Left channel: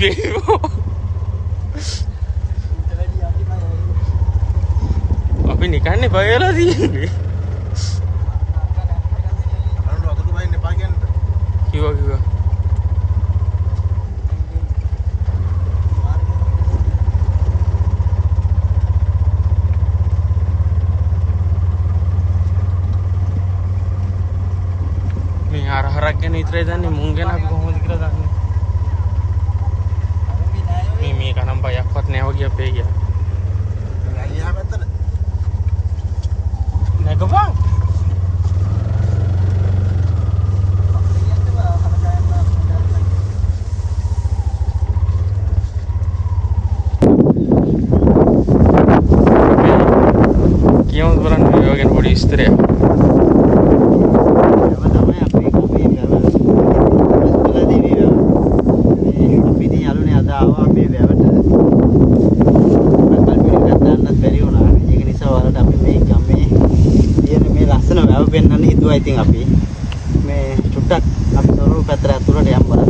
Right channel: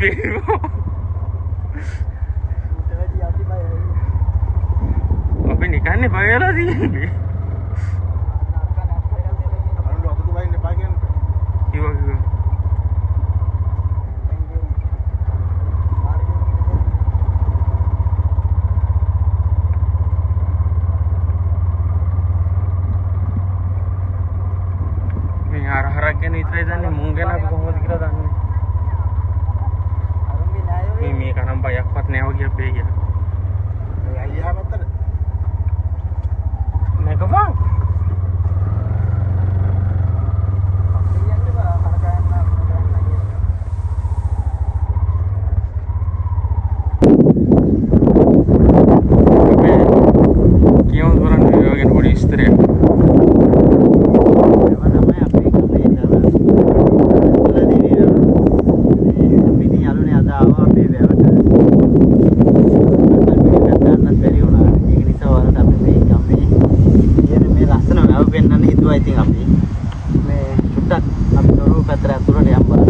අපි නිකන්නේ බය වෙලා තියෙන්නේ. කිව්වා. මේ හරහරක් ගැන විතරයි දන්නේ මුං ගැන අපි කොහොමද කියලා දන්නේ. මේක නම් බයක්වත් නෑ වගේ අපේ ගියා. මේ අයියා පැත්තට. නැගපන්. කියමු බලන්න මේ වගේ පොඩි විස්තරයක්. ඉතින් අපි මේ චුට්ටක් අපි දොරු පැත්තට අතුරට යම් බලන්න.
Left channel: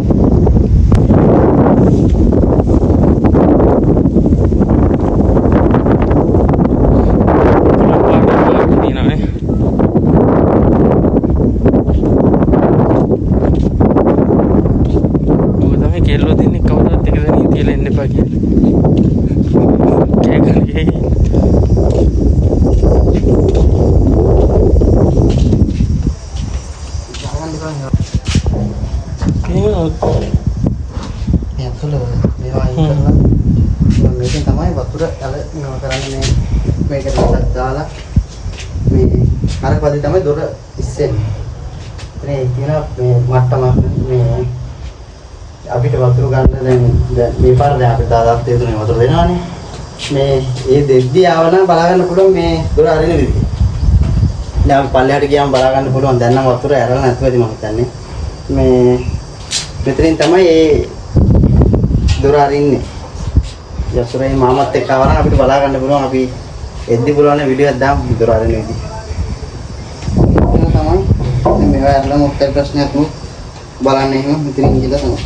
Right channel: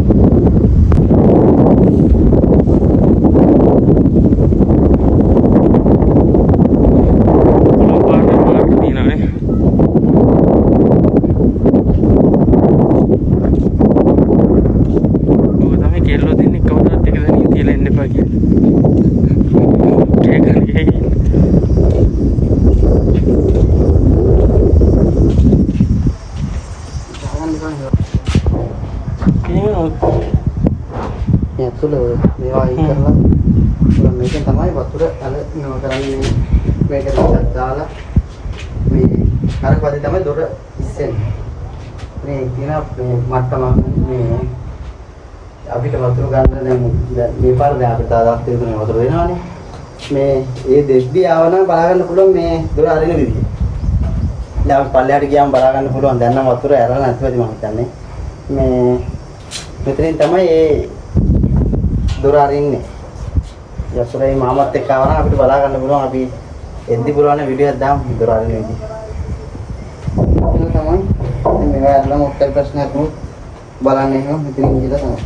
කෙල්ලෝ දෙන්නේ කවුරුත් එක දැන් කියලා එන්න එපා කියලා. ඇතුළ මේවා අයින් කරලා මේකෙන් තමයි වතුර ඇල මේවා කරන්නේ මේ මේකට දාලා මේ අර පදේ තමයි දොර ඉස්සෙන්නේ. මේ තියෙන මේ මට්ටම මේ අපිට වතුර ගන්න දැන් මේ පාර දැන් අපිට දාදාත් දෙතුනේ වතුර දෙනවනේ. මේ ඒ දෙද්දි ආවනම් බලා ගන්න පුළුවන් මේ දොර අරින විදිහ. දැන් පල්ලෙහාට ගියාම බලා ගන්න පුළුවන් දැන් නම් වතුර ඇරලා නැතුවද මම හිතන්නේ. මේ මෙතනින් තමයි ඒ දොර අරින්නේ. යසරේ මාමත් එක්ක ආවනම් අපිට බලා ගන්න පුළුවන් අපි එද්දි පුළුවන් වීඩියෝ එකක් දාමු දොර අරින විදිහ. ඒක තමයි මේවා අරලා මොකක්ද ප්‍රශ්නයක් නෙවෙයි. බලන්න එහෙම මෙතනින් ගිහලා තමයි.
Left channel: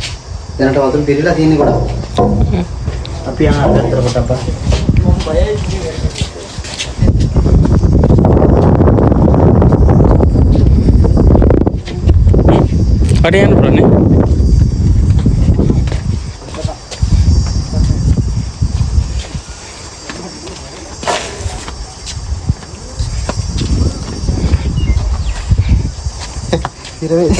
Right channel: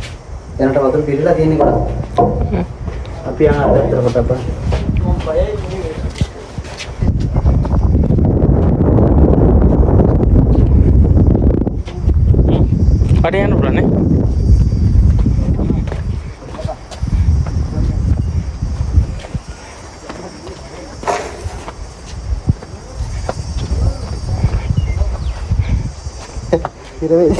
දැනට වතුර පිරීලා තියෙන්නේ ගොඩක්. අපි යන අතර කොට අප. කඩේ යන්න පුළුවන් නේ. ඉරවේ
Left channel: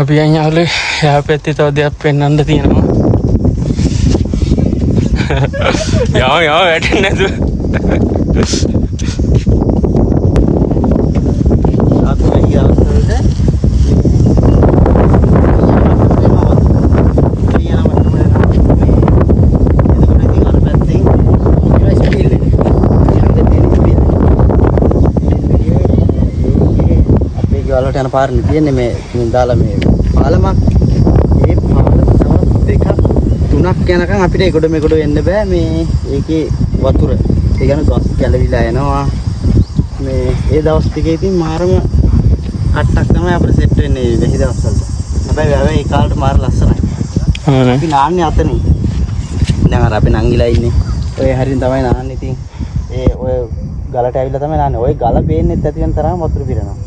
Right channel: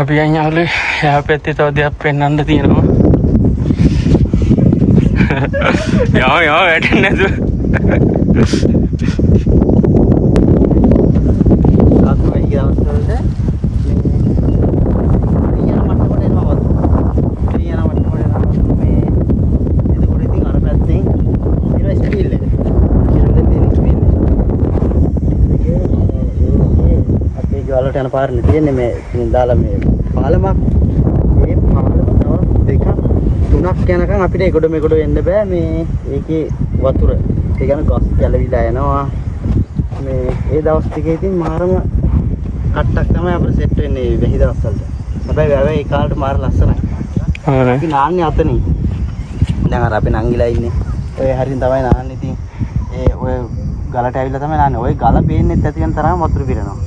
අපි යන්නේ යා පැත්තේ තව දෙයක් පෙන්වන්න තියෙනවා. යා වැටෙන්නේ නැතුව. ආත්මය ගියවස්තවලට වලට යන පාරනේ තියෙන්නේ මේ දාලා මේ පාලමක්. ඒ පාලම දවස් දෙකක් තුනක් යනකම් අපිට ඒකට මේකට එන්න බෑ. මේ ඒකේ වතුර ඒ කියන්නේ ගස් ගැලවිලා යනවා. මේ ඒ දවස් ටිකේ ඉතින් මාරම කට්ටක් තමයි අපිට සෙට් වෙන්නේ වෙහි දවස් වලට. හැබැයි වැවේ ඒ කාලේට මාර ලස්සනයි. අපි නාන්නේ අතනේ. දැන් අර අපි නංගිලා ඉන්නේ. ඔය හරින් තමයි නාන්නේ. ඉතින් ඒ ඔය ගලට ඇවිල්ලා තමයි නාන්නේ. ඔය ගල පේන්නේ නැති වෙන තරම් වතුර පිරෙනවා.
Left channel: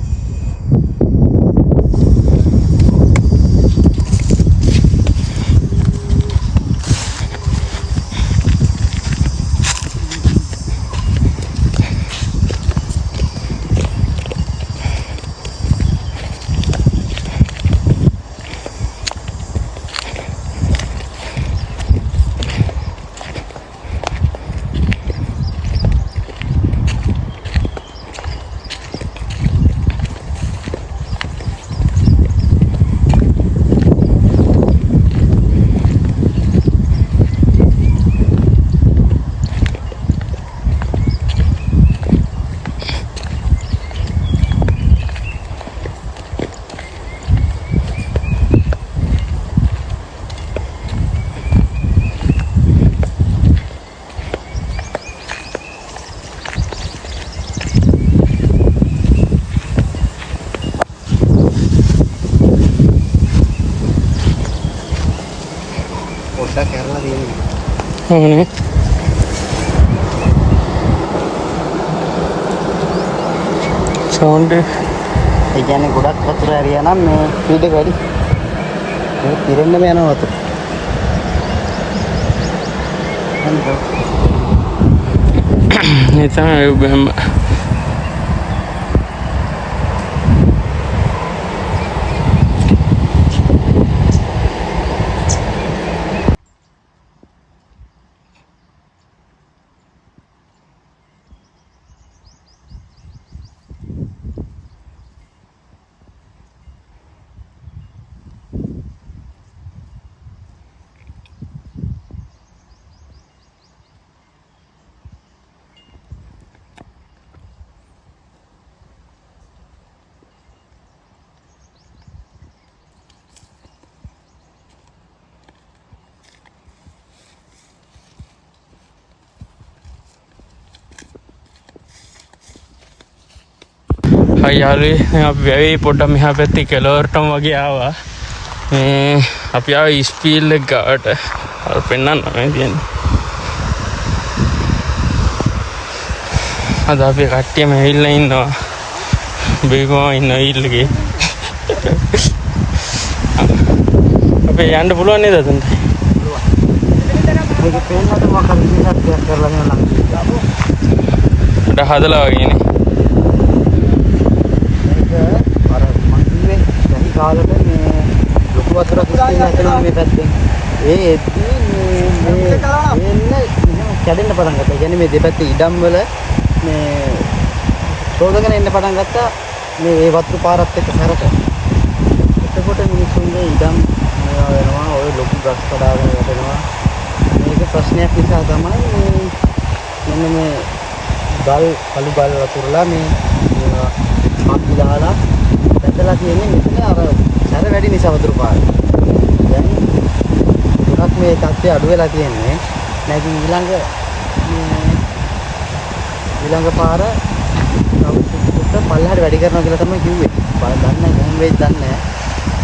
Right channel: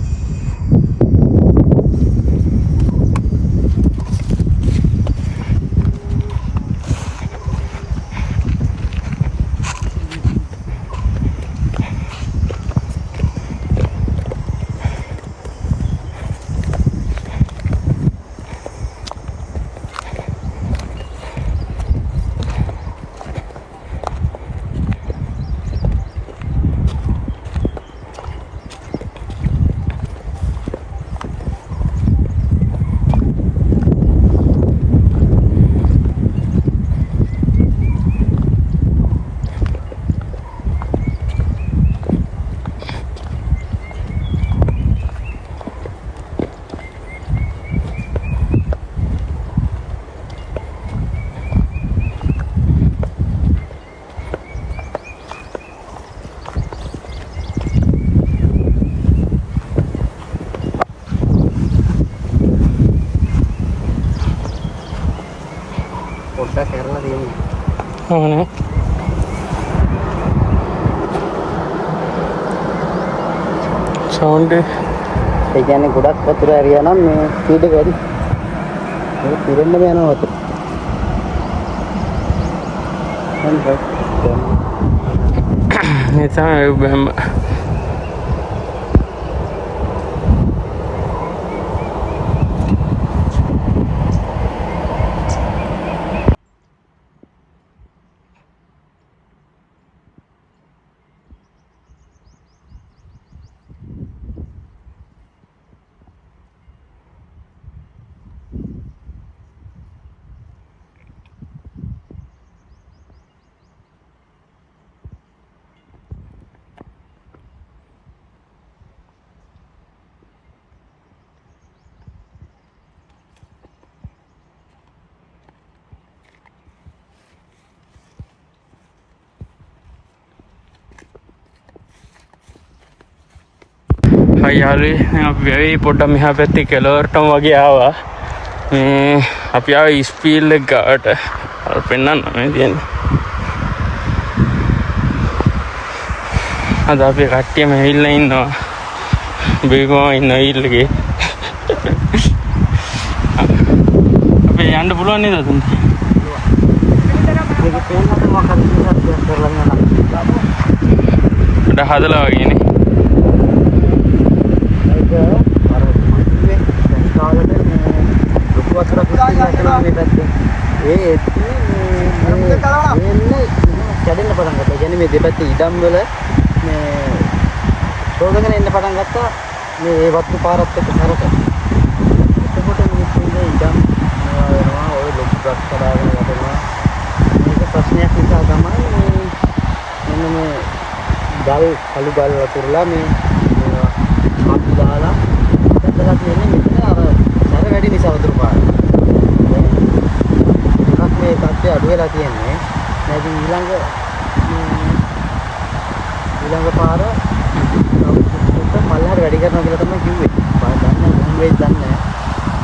කැරලා තියෙන්නේ. ඕනේ. සවුන්ඩ් ඒ කියන්නේ ගොඩක් වතුර ඇරියා නම් මේ ස්පීඩ් එක වැඩි. ඒක පිරෙන්නම යනවා වතුර. ඒ තමයි බෑම. හයි යාළුවනේ අපි වැවේ පොඩ්ඩක් මෙහා පැත්තේ කෙළවරටම වගේ ආවා. මේ අපි ආවේ ඉස්පීල් එක ගාවට. අර පෙන්නන්න කියන්නේ. අද අපි කට්ටියම ඇවිල්ලා ඉන්නවා. බේගම ඉන්න ඉල්ලගේ. අපි යන්න පුළුවන් නේද අතන? ඒක තේන්නත් මොකක්ද කියලා කරලා යනවා. හදලා වගේනේ. අර මං කිව්වේ ගහි කාලෙට මේ ලොකු වතුරක් ඉස්පිල්ලා කරනවා මේ පැත්තෙන්. ඒ එද්දී මේ කැඩෙන්න පටන් ගත්තා. කියන්නේ මේ දෙපැත්තේ ඉඩම් වල මේ සෝදගෙන එන්න පටන් ගත්තා මේ ඒ වතුර පාරත් එක්ක සැරට. එතකොට මිනිස්සුන්ගේ ඉඩම් මේවා වෙනවා. ඔය ලොකු ගස් කඩාගෙන වැටෙනවා. මේක ප්‍රශ්නයක් නිසා තමයි මෙන්න මේ ගල් කළු ගල් වතුරලා මේ මේවා අපි දාලා දැකලා තියෙන්නේ මෙතන අර සැර වැඩි නිසා වතුර පාර. දැන් ගොඩක් මේ තත්ත්වය අඩු වෙලා තියෙන්නේ. නැති ඊළඟ පාර අවුරුද්දකට පල්ලහට වැඩි කරනවා කියලා තමයි කිව්වේ. දන්නේ නැහැ වෙයි දන්නේ නැහැ.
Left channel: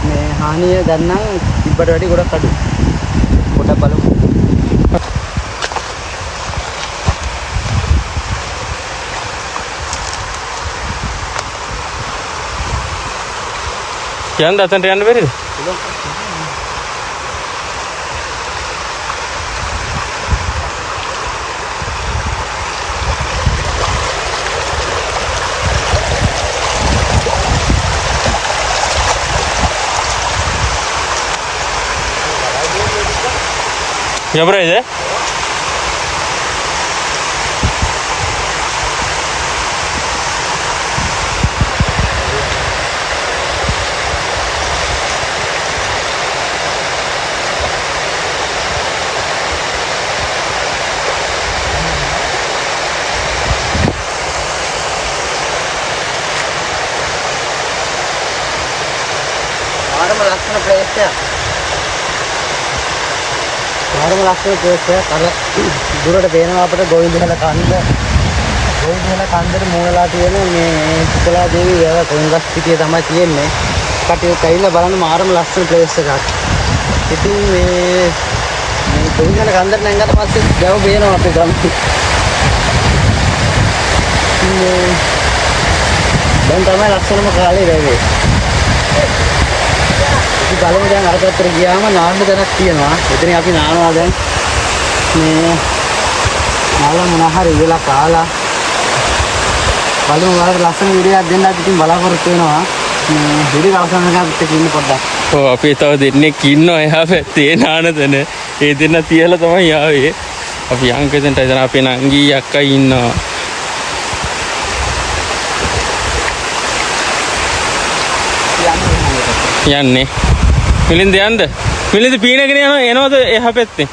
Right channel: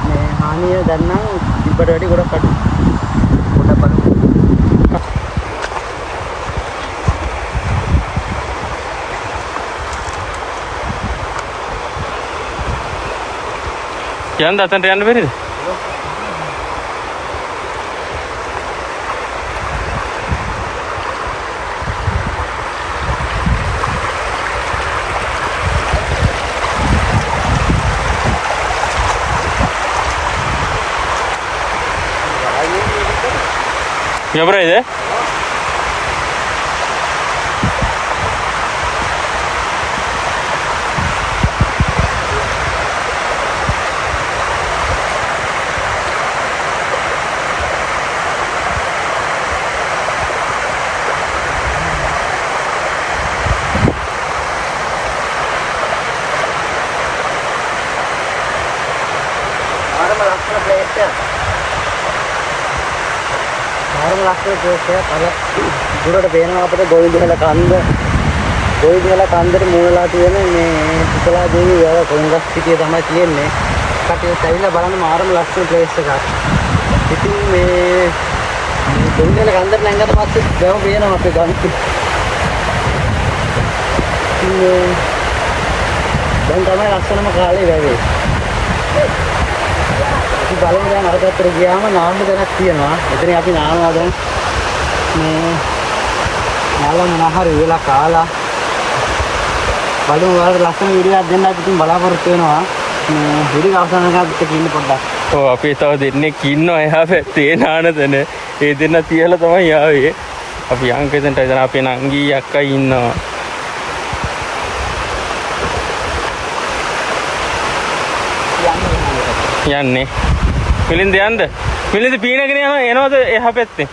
මේ හානිය දන්නා ඉබ්බට වැඩි ගොඩක් අඩුයි. පොඩක් බලමු. යන්න අතන්ට යන්න බැරිද? ఎవరైతే ලක්ෂණ ප්‍රේක්ෂක අර දුරට පේනවා අපිට ගෝවින්දහල කන්දට මූලලා තියෙන මේ සුකලා දේවී වැව කොංගස් පිටිය තමයි තියෙන්නේ. කටියට ඇවිල්ලා බලන්න මාරම ලස්සන ප්ලේස් එකක්. ඉතින් මේ ගෝවින්දහල කන්දට නැංගට පස්සේ දැව පේනවා අපේ ගම්. දැන් තමයි ලස්සනම කාලේ වැවේ. අපි බලමු දැන් අර පැත්තට ගියාම නාන්න දැනක් තියෙනවා. එතන අපි නානවා දැන්. මේ නාලා මොනහරි වෙලා කාලා බලමු වලට ලස්සන වීඩියෝ එකක් දෙන්නත් ඉතින් බලාපොරොත්තු වෙනවා. මේ වීඩියෝ අවසන් කරගත්ත කින්න පොඩ්ඩක්. ඔව් අපි තව දෙන්නෙක් ඉන්නවා එහා පැත්තේ නාන තැන. ඒ දෙන්න තියලා තමයි ආවේ. අපි යංකෙන්ට එතන අපේ නංගී අක්කා ඉන්නවා. යන්නේ මිලින්ද යන්න මිලින්ද පීනගෙන එනවද එහා පැත්තේ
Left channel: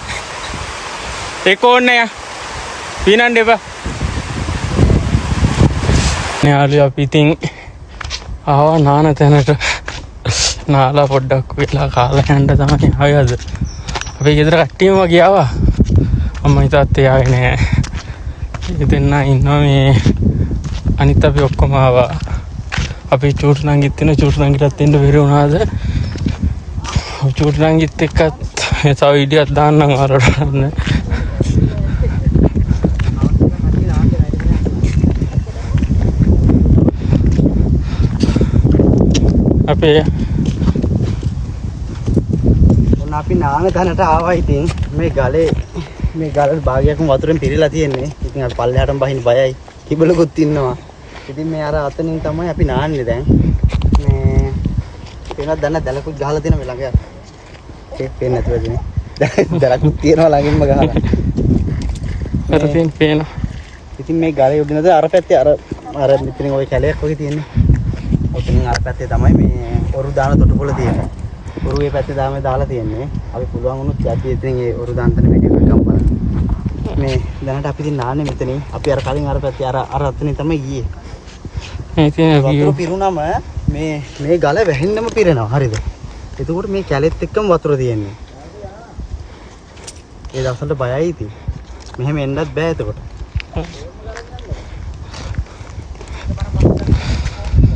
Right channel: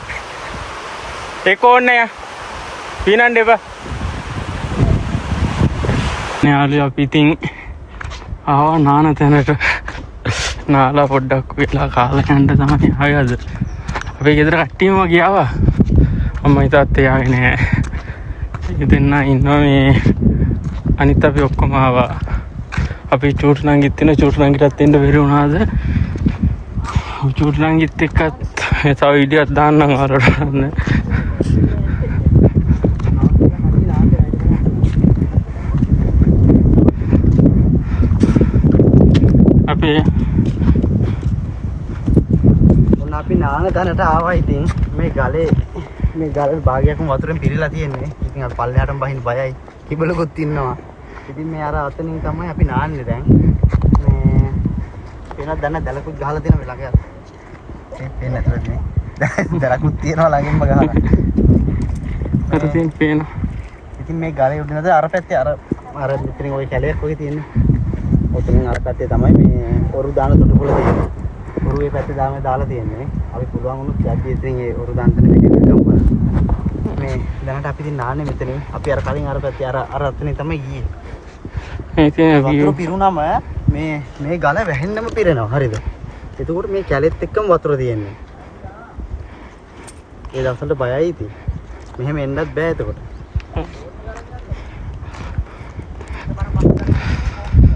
ඒක ඕනේ යා පීනන්න එපා යාළුවා අපි ඉතින් ආවා නාන තැනට නාලා පොඩ්ඩක් වෙලා කාලා හොඳ තමයි ආවේ අද අපේ ගෙදර කට්ටියම ගියාවා අම්මයි තාත්තයි ආවේ නෑ ඉතින් ඉන්නවා මේ අනිත් අපි ඔක්කොම ආවා අපි චූට්නංගිත් වෙන චූට්නංගිටත් එන්න බැරි වුණාද චූට්නංගිත් එක්කත් මේ තව වීඩියෝක් දාන්නම් ආරෝඩ. අපේ ඔන්න අපි නාන තැනට ආවා. ඉතින් මේ ගලේ භාගයක්ම වතුරෙන් පිරීලා තියෙන්නේ. ඉතින් අර පල්ලෙහාටම බහින්න බයයි. කිබලකුත් ඉන්නවා. ඉතින් මේ අර අතනින් තමයි අපි නාන්නේ දැන්. මේ පේනවද දැන් දැලකුත් ගහලා තියෙන මේ ළඟ. ඒ පේන්නේ නැතුවද මේ. දැලකුත් තියෙනවා ළඟින්ම ගහලා. ඉතින් පේන. ඉතින් මේ ගලේ උඩිනද අර පැත්තේ අර මෙතනින් ওই කැලයක් වගේ තියෙන්නේ. ඔතනින් අර පැත්තේ තමයි මේ ඔරු දාන තොටුපොළ තියෙන්නේ. ඔරුවේ පැත්තේ දාලා තියෙන්නේ. අපි පුළුවන් වුණොත් යද්දී ඉතින් ඒ ඔරු දාන්න තැන මේක ගම්පල. මේ දැනට අපි ඉතින් නාන්නේ මෙතනින්. අපි අර කලින් අර පැත්තේ අර අතනින් තමයි ගියේ. ඉතින් අපි පිරුණාම මේ ගල වැහෙන්නම පිරෙනවා. හරිද? එතකොට මේ කැලෙත් එක්කම වතුර තියෙන්නේ. ඒ දවස්වලට බයයි ඉතින්. මෙහෙම එන්නත් බෑ එතකොට.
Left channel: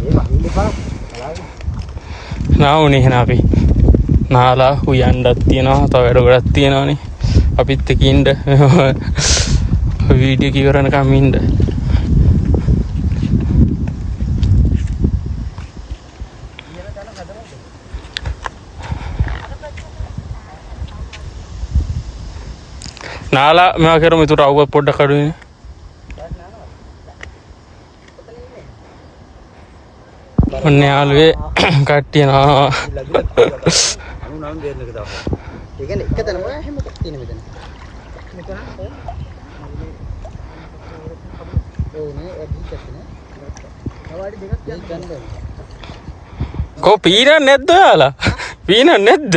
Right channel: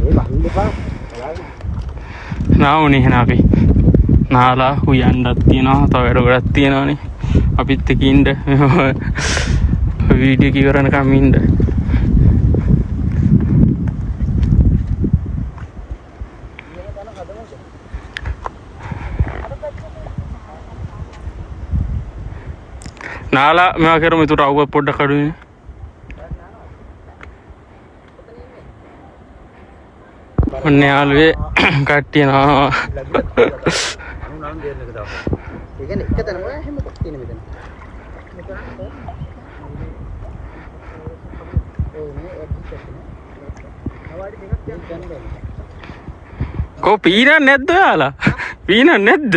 ඒ වහින්න එපා. බලාගෙන. නාවුනේ එහෙනම් අපි නාලා හුයන්නත් තියෙනවා. තව වැඩ ගොඩක් තියෙනවානේ. අපිත් එක්ක ඉන්න වීඩියෝ එක කරනකම් ඉන්න. නාලා මම කරමු ඒතර අවුව පොඩ්ඩක් අඩුයි. ඔන්න යාළුවේ කට්ටිය නානවා. අනු නම් ගේන්න එක දාපන්. ඒ කියන්නේ එක තැනම හැම එකක් තියෙන මෙතන. මෙතන ඒ නේ අදිට තියෙන. අවඩි දෙකක් ගන්න. කො පීනක් නැද්ද යාලා? පීනක් නැද්ද?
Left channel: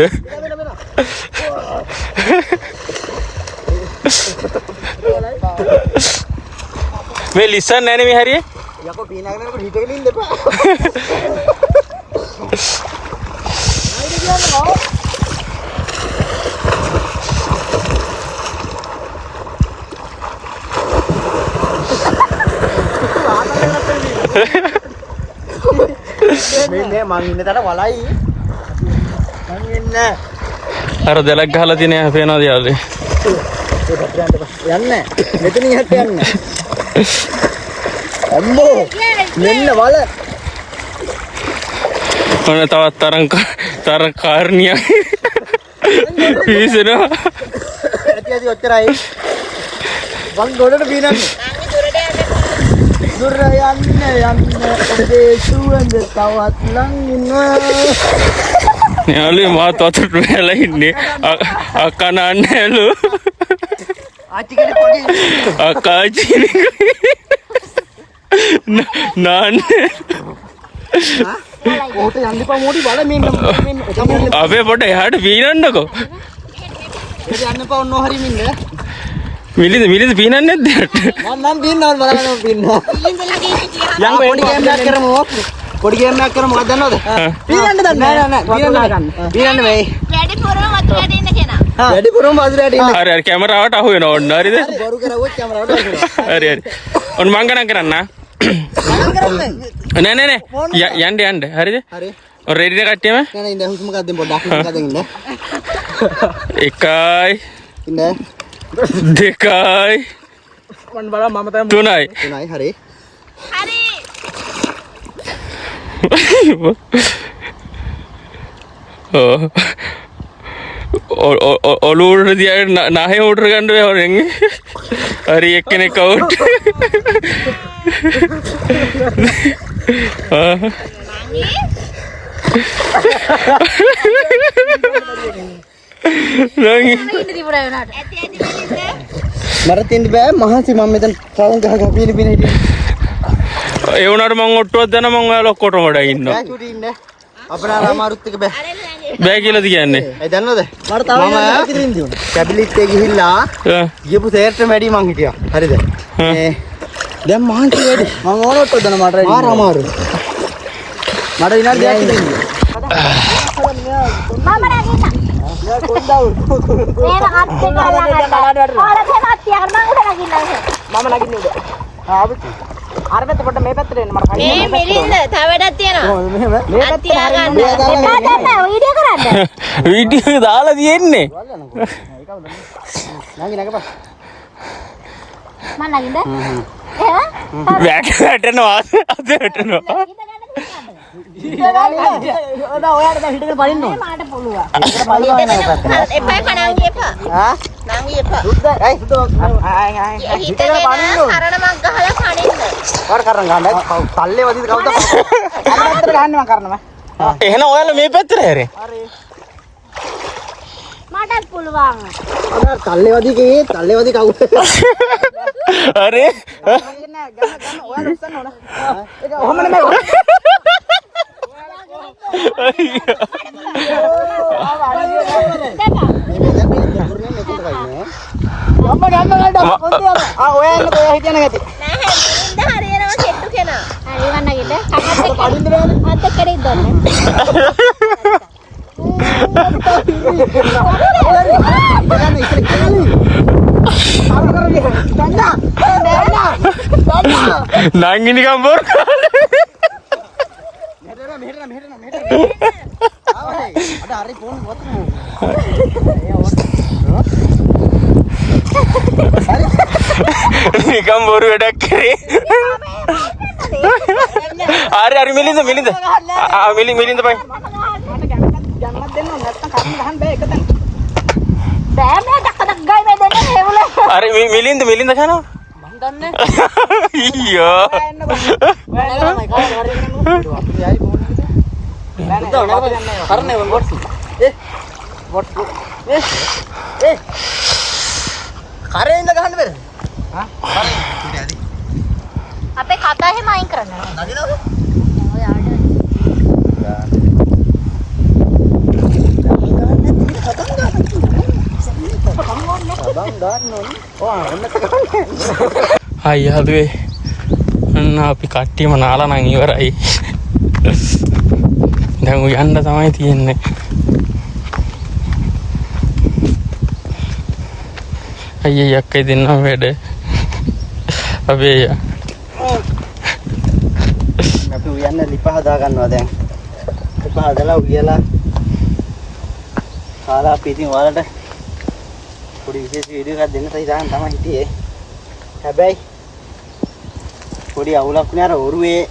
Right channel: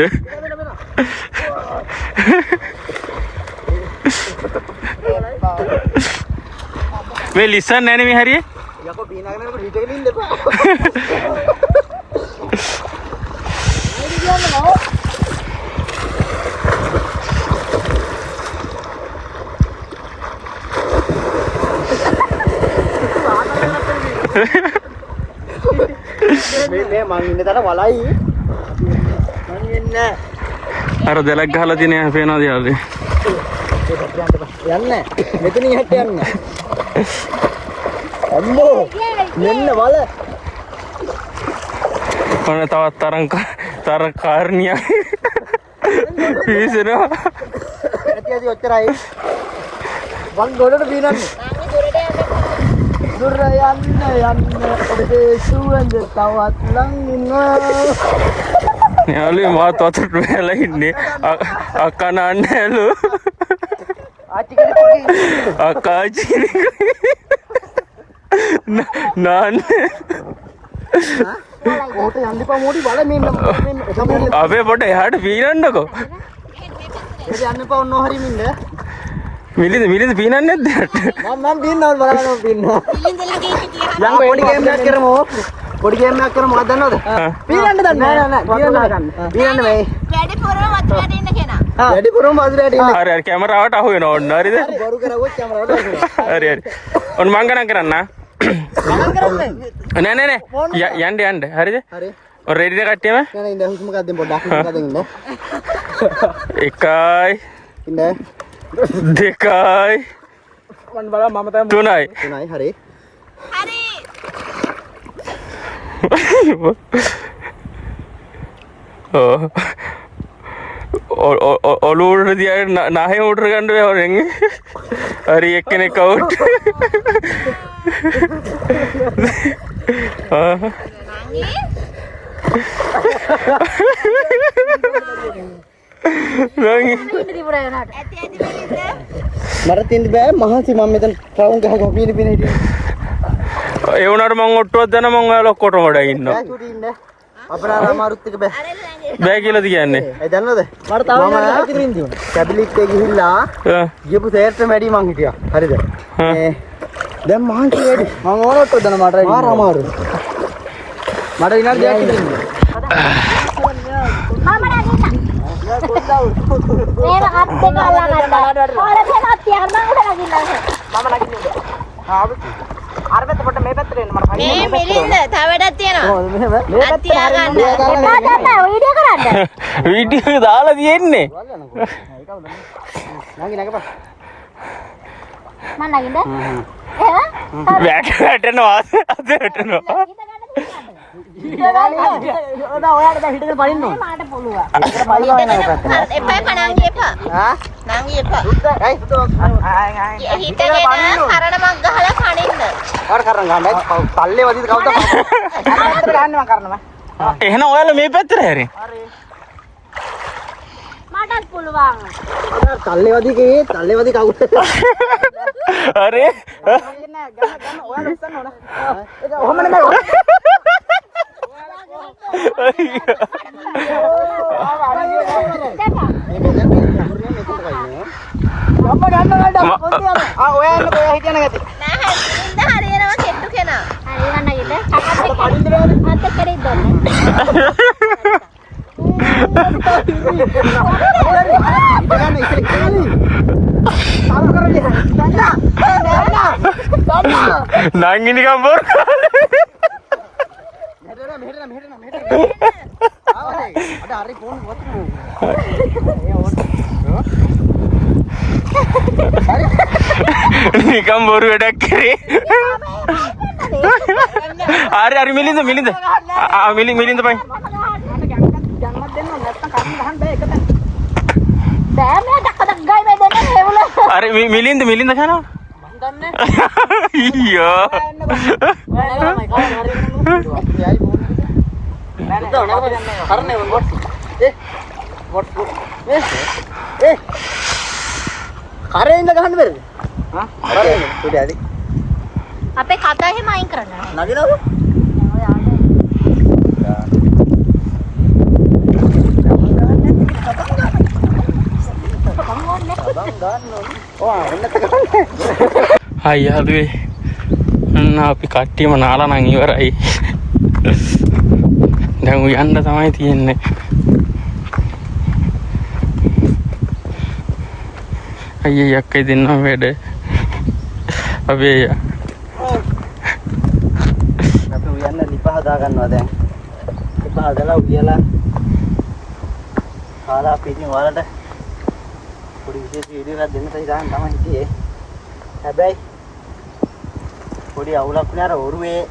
මේ ලිසන් නැනේ මේ හරිය? යකෝ පීනගෙන යනකොට හිටගෙන ඉන්න එපා. මේ මං ඉන්න තැන වලයි. මං ඉන්නේ. අර දෙලක් ගහලා තියෙන පේනවද යාළුවේ? යන්නේ. මෙතනින් හැට යන්නේ. අම්මෝ මෙන්න වල. ඔන්න තවත් තරං කාර්නිය පිසෙනවා. ඇති ඔච්චරයි. මං ගොඩට පීනන්නේ. දුර යන්න ඔබේ සුවඳ තවත් ලං ඉන්න. යාළුවේ මාත් වතුරට වැලා ඉන්නේ. අක්කා නාන්නෑලු. ආච්චි කෙනෙක් වගේ. අක්කා නාන්නේ. ඔහුට යන්න එපා මොඩි බල මෙන්න අපේ පොඩ එහාට පීනන්නකෝ. යන්න එපා ඔන්න හරි මින්න. මිලිද පීනන්නේ නැද්ද? මම පීන්නවා බලන්න පීන්නවා. යම් පොඩි ගේම් එකක් කරමු. පොඩි ගේම් එකක් කරමු මොකක්ද දන්නවද? පීනන්න දන්නේ නෑ පීනන්න මේ. වැඩිපුරම වතුරට ඉන්න. හරි කැමරාවට අහු වෙනවා ඔන්න හරිද? බොරු කරවුවොත් කැමරාවට අහු වෙනවා. හරි ඔන්න මං ගණන් කරන්න. නෑ යන්න හරිද? හරි. ඔය රෙඩිද කට්ටියම? නෑ ඉන්න හුස්ම ගන්න පොඩ්ඩක් හුස්ම ගන්න ඉන්න. 1යි ඉන්න. 2යි මම බලන්න මම තමයි 3යි 3යි හරි. ඔලුවට තියාගෙන නාහේ උඩට ගන්න බෑ හොරෙන්. හරි එක්කෙනෙක් අවුට්. මට තින්න බෑ මහන්සි මම මෙතන ටවුන් ගහ පින හිටියේ. ඒ වුණාට මං ඔට්ටුවක් දැන මං ඔයාලා ඔක්කොටම වඩා ඉන්නවා. බෑ චුටි ඉන්න. අපේ අමාරුත් එක බෑ. බෑ කියලාද කියන්නේ? ඒ දන්නවද? මම කැබිලිට් එකේ ගිහිල්ලා ගියපු තේරට වැඩි මං හිටියා. හරිද? දැන් මහන්සි වැඩි. මම ඕනෙත් දෙන්න මට මාර අමාරු. මට විනාඩි 2ක් දෙන්න. මම නැගිට්ටා. මේක අත් දෙක අල්ලගන්න. ඔයාලා දෙනත් තියන්න මම උඩ නැගින්න. මම නැගින්නේ උඩ. ආවෙත්. අර පැත්ත පොඩ්ඩ මේ පැත්තට එන්න මට මේ මිරින්ද තව වැඩක් තියෙනවා. ඔව් මෙහෙම මේ පැත්තට හරින්න. එපා ගන්න වීඩියෝ කරන්න. වීඩියෝ දාලා තියෙන්නේ. නංගි නගපන්. මම නගින්ද? එහෙම? වැටෙනවා අද වැටෙනවා. ඔයාලට දැන් හිටගෙන පනින්න ඕන. මාට පුළුවන්. ඒකට පයින්නවා නේද පැත්තට. එපා පණංගි එපා. ආ? නංගි එපා. සුද්ද අය සුද්ද හිටගෙන පනින්න ඕන. කරණමක් ගහලා පණින්න. වාර කරන් ගන්න. පල්ලේ වදිද කවුද? අර පැත්තට ගහන්න මම කරනවා. එහෙනම් ඔයාලා මේ පැත්තට හැරෙන්. මටත් පුළුවන්. තල්ලේ වදී කියේ තල්ලේ වදී කවුද? අරේ ගන්න ඔයාලා උස්සන්න ඕන. ඒක ඔහොම නෙමෙයි. මේ බෙදෙන් මේ දුර්නේ මෙතන කයිනේ. ගම්ම ගන්න ගන්න පොඩ්ඩක්. ඔයා එන්න ඔයා හිටියන ගැති. නෑ හරියනවා කෙට්ටු කෙනා. හරි වන්නගෙද? කකත් පඩින්න බෑනේ. අත කරේ දොන්නේ. ගන්න ඉස්සර කියන්නේ. සාම කරන්නේ. ගන්න. නංගි නිකන් බොර මෙහෙට ආවනේ. අද හරි ෆෝන් වතුන. නිකන් බොරු වැඩක් කරේ. අර මිලින්ද මිලින්ද මිලින්ද බයි. ගන්නත් දෙන්න නැත්තම් කන්න ගහන්න බෑ එක තැන. බෑ මේ දක්කක් ගයි මේ දෙන්නේ හේවල. අර මිලින්ද කරනවා. මං දන්නේ. ඊයෝ. එන්න බෑ. නෑ කාට හරි කරන්නේ. යයි ෆෝන් එකට. නෑ කරන්නේ වොට්ස්. වොට්. කරේ ඉඳ ගහන්න බැරිද? හා? කරේ. උඩ ඇද. අපේ කතා එහෙම අයින් කරනවා. නගිනවද? අයියාදුවේ අන්න අපි කට්ටියම නාලා නම් ඉවරයි. දැන් යන්න තමයි තියෙන්නේ. අයියේ යක්කයි දෙන්නා වැඩ. අපේ අයියා. අපි උයන්න ලිප හදා ගන්නවා දැන්. ලිප හදලා උයලා කාලා අපි ඉතින් ඔයාලට පොඩි විශේෂ වීඩියෝ එකක් දෙන්න තමයි හිටියේ. හැබැයි පොඩි අවුලක් වුණා අර ඔරුවේ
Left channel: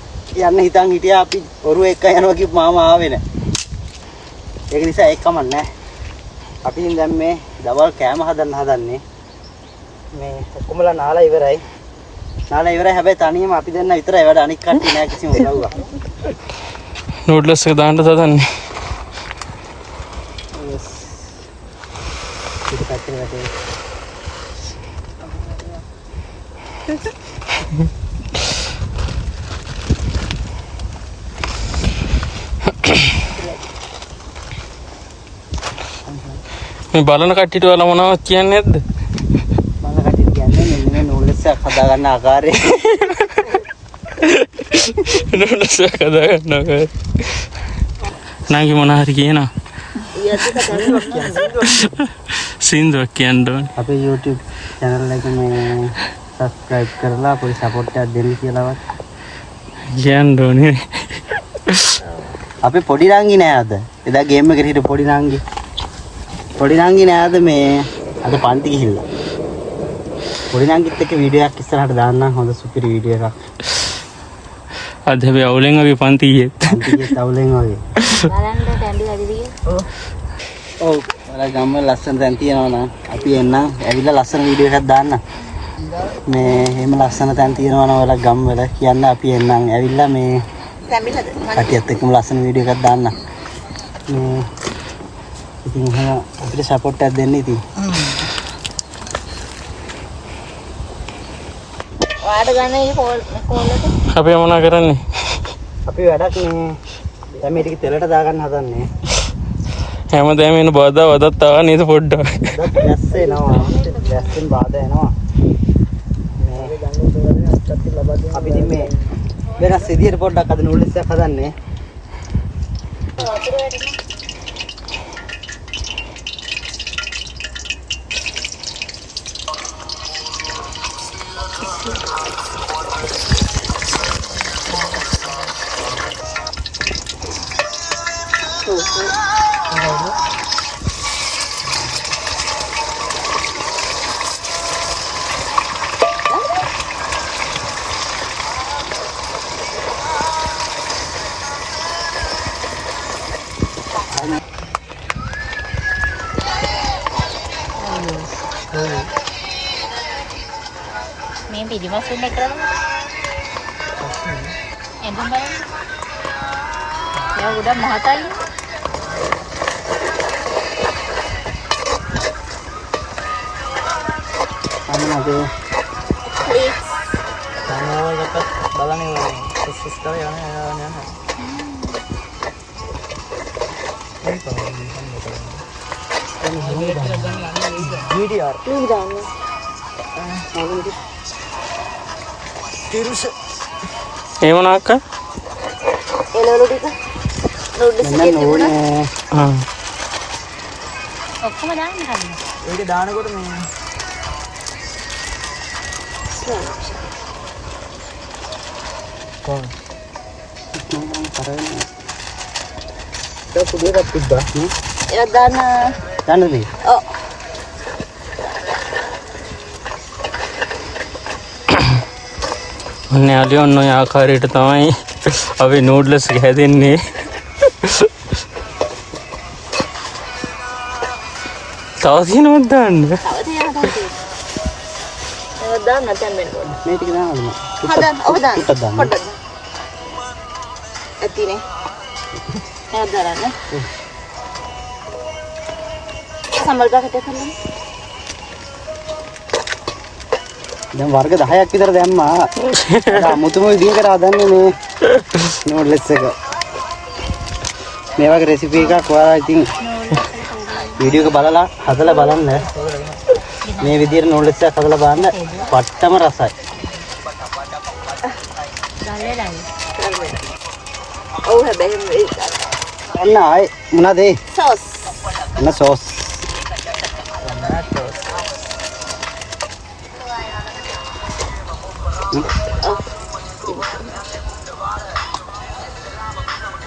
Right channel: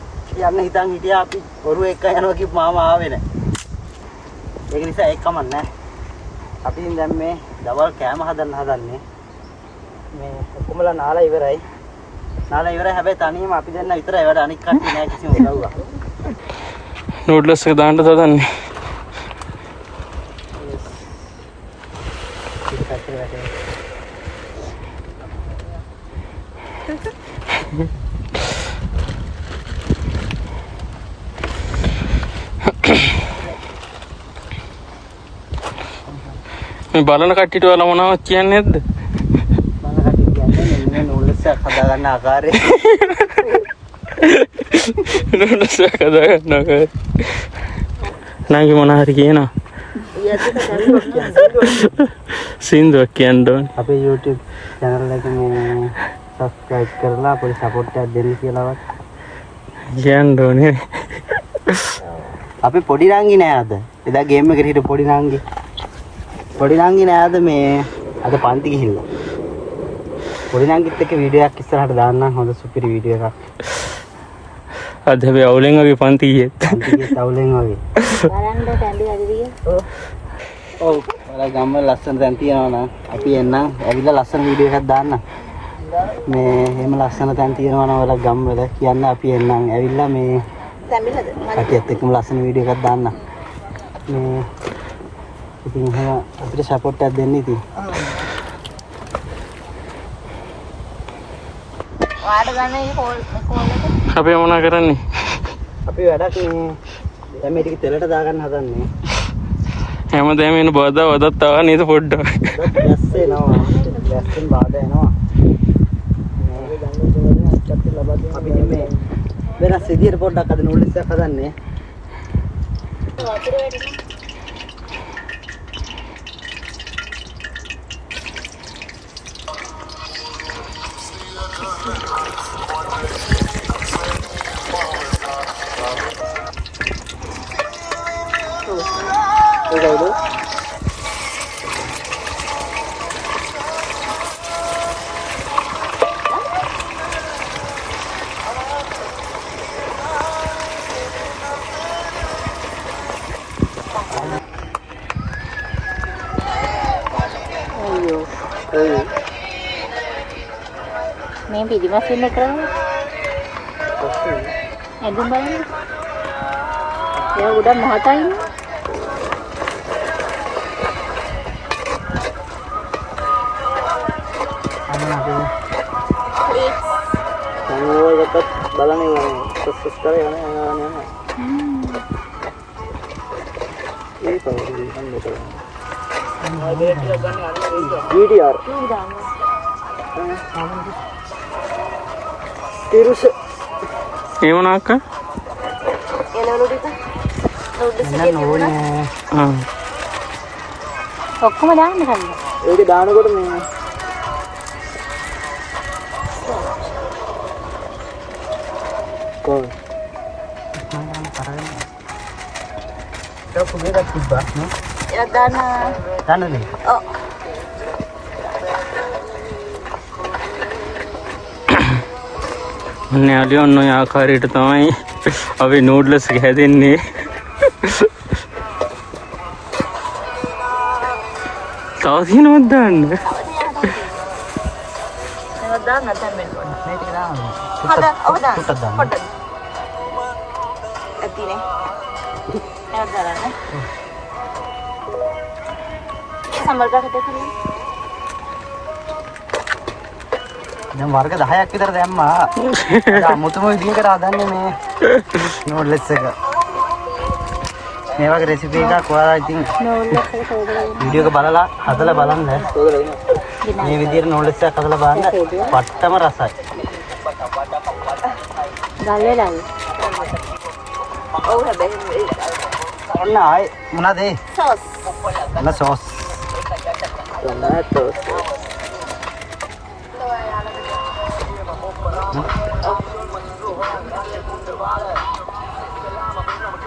යන්න හිතන් හිටියා අපි ඔරුව එක්ක යනවා කිව්ව මාමා ආවේ නැහැ. ඒක නිසා ඒක කමක් නැහැ. අපි ඉතින් දැන් මේ දවල් කෑම හදන්නේ. මේ ඔක්කොමලා නාලා ඉවරයි. හැබැයි තනියම අපි දෙන්න විතරයි වැඩ අනික් කට්ටිය නැහැ කිසිම උදව්වක්. නූඩ්ලස් එක දාන්න තදන්නේ. මේ බලන කට්ටියට ඔයාලා මොනවද කියන්නේ නැද්ද? බලන කට්ටිය කියන්නේ මෙන්න මේ නූඩ්ලස් එක හදා ගන්න ආකාරය. නූඩ්ලස් එක හදා ගන්න ආකාරය. නංගි මොන හරි කියනවා. සින්දුවක් කියන්න ඕනේ. අපේ YouTube channel එක මේ subscribe කරලා පොඩි support එකක් දෙන්න කියලාවත් කියන්න ඕනේ. අපි පොඩි නංගි නෑ අද. එදා ගේම් එකට හිටපු පොඩි නංගි. පොඩි නංගි නෑ අද මේ අද පන්ති ගිහිල්ලා. පොඩි නංගිත් එක්ක වීඩියෝ එකක් ඉස්සරහට දාන්නම් හොඳ සුපිරි වීඩියෝ එකක්. අද හැබැයි අවුලෙන් අපි පන්ති ගියේ. පන්ති ගියේ තවුලෙන් වගේ. බලන්න තැන්දි අදිරිය. ඔව්. ඔයාලා ගම්වල ලස්සන තැන් තියෙනවා නම් අපි එන්නම් ඇවිල්ලා ලස්සන වීඩියෝ එකක් දාන්න. මේ එහෙම ලස්සන තැන් තියෙනවා නම් ඔයාලා ගම්වල කියන්න අපි එන්නම් ඇවිල්ලා මේ තැඹිලද? කටියත් එක්කම ලස්සන වීඩියෝ එකක් දාන්න. මේ ඉතින් එහෙම අපිට සපෝට් එකක් දෙන්න ඉතින්. ඔයාලට ගන්න මේ කෝල් එක. අපි මොනා කරන්නේ? අපි වැඩක් මේ දැන් මේ ටික තෙලට දාගන්න හදන්නේ. හැමදාම එන බාධා වදත් ආවා නේද පොඩ්ඩක්. වැස්ස එනවා. වැස්සෙන් බාධා එනවා. අපි ඉතින් මේ වෙනස් විදියට පොඩ්ඩක් අද නූඩ්ල්ස් එකක් හදන්නේ. වතුර වැඩිම. පිළිමස් වෙන්න කරන්නේ. එදුම් බලන්න. යා උඩ මහතයි. බලන්නේ සස් කරේ යන VDR තිරුස ඒ වුණාක එළවලු ටික ඔක්කොම දාන්න කන්න. ඒක දානකොට මේ කොහොමද ඒක පුදුරක් තිබ්බා නේ ඒක දාන්න දාන්නනේ ඔව් න්යාලිය ඔන්න ඔය ආකාරයට තමයි අපි නූඩ්ලස් හැදෙන්නේ. තව දිනුවක් දාන්න. දාන්න නැත්නම් මෙන්න පොඩ්ඩක්. මේ ටික දානවා හදන්න ඔබ දාන්න ටිකක් දාන්න. පොඩ්ඩක්. ඇතිනේ. ඒක දාන්න. සම්බල් ගහකට තියෙන්නේ. දැන් වර්ග 10ක් විතර දැම්මා. මුතුම විදිහකට හදන්නේ මේ නූඩ්ලස් එක. මේ වගේ රෙසිපි එකක් ඔයාලා ඉතින් වීඩියෝ එක බලලා හදලා බලන්න. මේ විදිහට නූඩ්ලස් එකක් හදලා බලන්න. පට්ටම රසයි. දාන්න. ඔව් හැබැයි ඔන්න ආයේ මොනවද ඒ? සෝස්. ඔන්න සෝස්.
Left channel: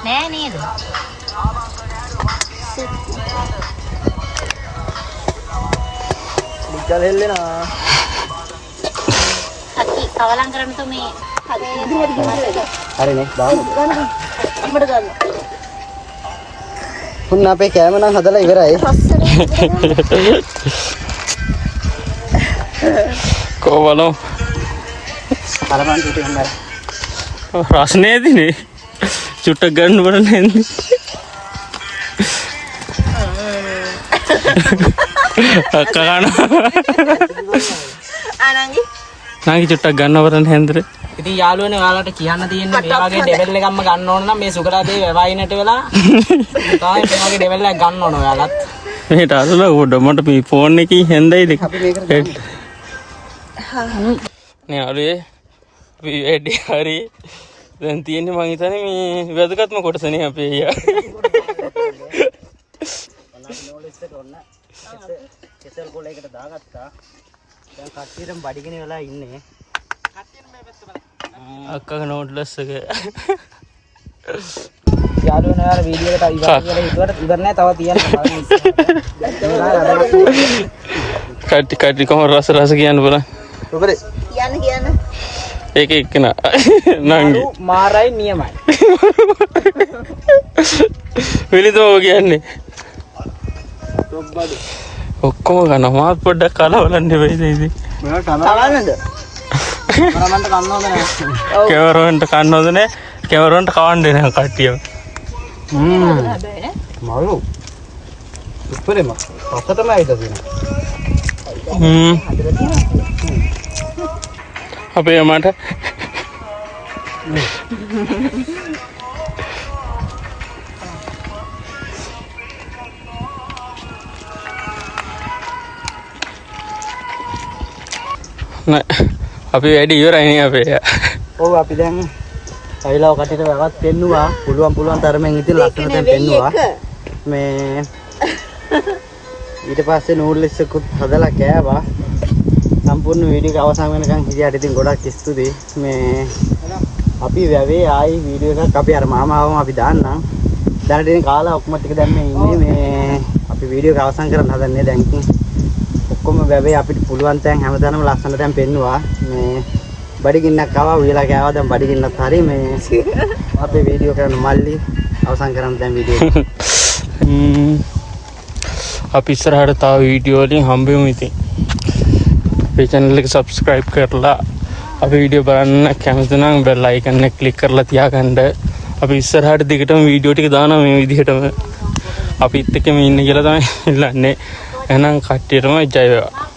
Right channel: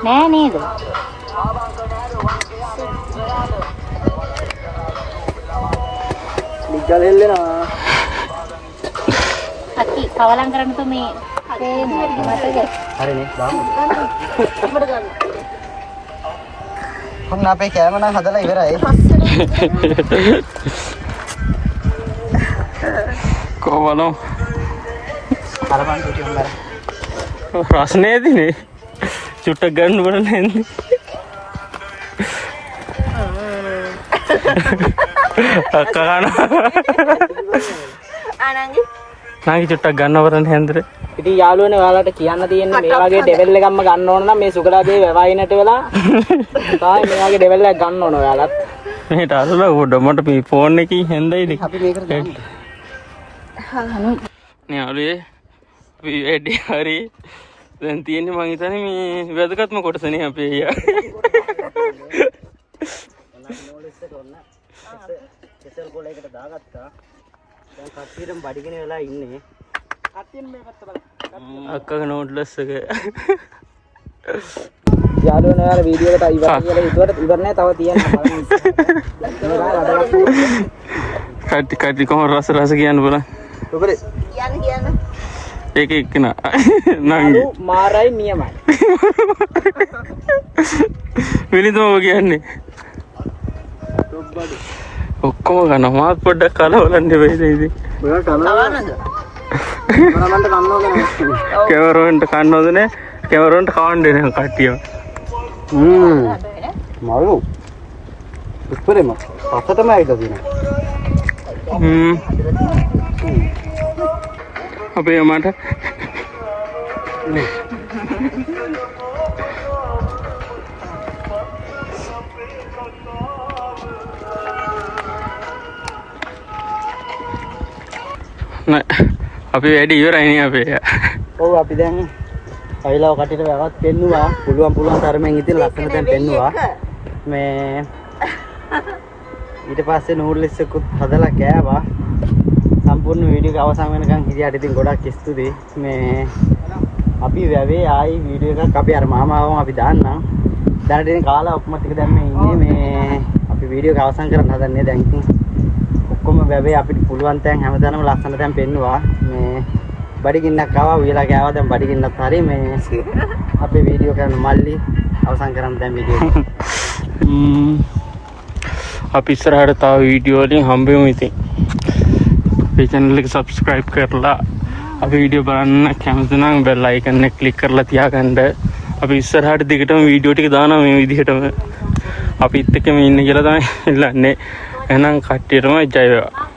නෑ නේද? මුගල් හෙල්ලෙනවා. අති කවලම් කරන්න තු මේ හදේ දෙහෙට මතකද? හරිනේ බාන්න. අපිට ගන්න. තුන් අපේ කෑම නම් හදලා ඉවරයි. කොහොමද? අර මම පිටින් ගන්න. රස්නේදිනේ චුට්ටක් ගන්න බල නැන්ද අක්කගන ආනංගි නාගි චුට්ටක් ගන්න බරන හැන්දර ඉතින් යාළුවනේ ඔයාලට කියන්න තියෙන්නේ මේ වගේ ඩෙවල් එකක්ම ගන්න ඕන නම් මේ සුගලාදී වෙවයිනට වෙලා තමයි මේ වගේ ඩෙවල් එකක් ගන්න ඕන ඔයාලත්. මෙහෙට අරලා උඩ මට මේ ෆෝන් එකේ හැන්දයිද නේ අලේ අපි වැඩි හරි දැන් තියෙන්නේ මං හිතන්නේ මේ වැදගත්ම කොටසනේ අපේ අයියා. කෙසල් කොලයකට දාගත්තා. දැන් කට්ටියටම බඩගින වෙලා ඉන්නේ. අක්කගේ නෝට්ලස් එක යාළුවනේ ඔයාලා වීඩියෝ එකට ඉවර කියලා හිතුවට ඉවර නෑ තව තියෙනවා බලන්න. කට්ටි කොහොම රස කියන්න බලන්න. ඔබරේ කියන්න ඒක එක්කන යාළු මාරයි නියමයි. වෙලිදෝ කියන්නේ ඔක්කොම ගන්න මාත් පොඩ්ඩක් කලවලන්න වෙයිද ඉතින් ඔයා කනවන්නද? මරමන්ට කන්නවද නැහැ? කැමරාවන්ට කන්නවද නැහැ කැමරාවන්ට කවන්නේ නැහැ කට්ටිය මරු උපරේම පස්සටම ඇවිල්ලා තියෙනවා. අපේ අම්මට අපි වැඩි ඉවරයි අපේ. ඔව් අපි දැන් ඇවිල්ලා කටට වැවත් පෙන්නුවා. පුළුවන් තරමෙන් ඉතින් ලස්සන දැන් පෙන්නුවා. මේ ඊට පස්සේ නූඩ්ලස් එකත් හදලා කෑවා. සම්පූර්ණ වීඩියෝ එක අවසන් වෙනකන් හිටියට ඉතින් ගොඩක් ස්තුතියි. මේ අපි වැවේ ආයි වීඩියෝ එකක් අපි අර මාමාවම අපි දාන්නම්. දැනට ඉතින් කාලා ඔක්කොම ටික දැන් මේ ඉන්නේ මේ අපි වීඩියෝ එක අවසන් කරන්න හදන්නේ දැන් ඉතින් ඔක්කොම වැවේ අපිට පුළුවන් තැන් හැමදාම ලස්සන තැන් පෙන්නුවා. මේ බඩගින්නක් ආවා උයලා කෑවා දැන් බඩගින්නත් හරි මේ අපේ වීඩියෝ කරන මල්ලි අවසන් කරන්න දැන් වීඩියෝ එක. අපි ඉස්සරහට තව වීඩියෝ වලින් හම්බෙමු ඉතින්. මේ channel එක subscribe කරලා අපි වීඩියෝ බලන්න කැමති නම් බෙල් අයිකන් එක ක්ලික් කරලා තියාගන්න. අපි ඉස්සරහට දිගටම වීඩියෝ ටික දානවා මේ විදිහටම. අපිත් එක්ක මේ ඉන්න කියලා තමයි ඉල්ලන්නේ. එහෙනම් කට්ටියටම ජය වේවා.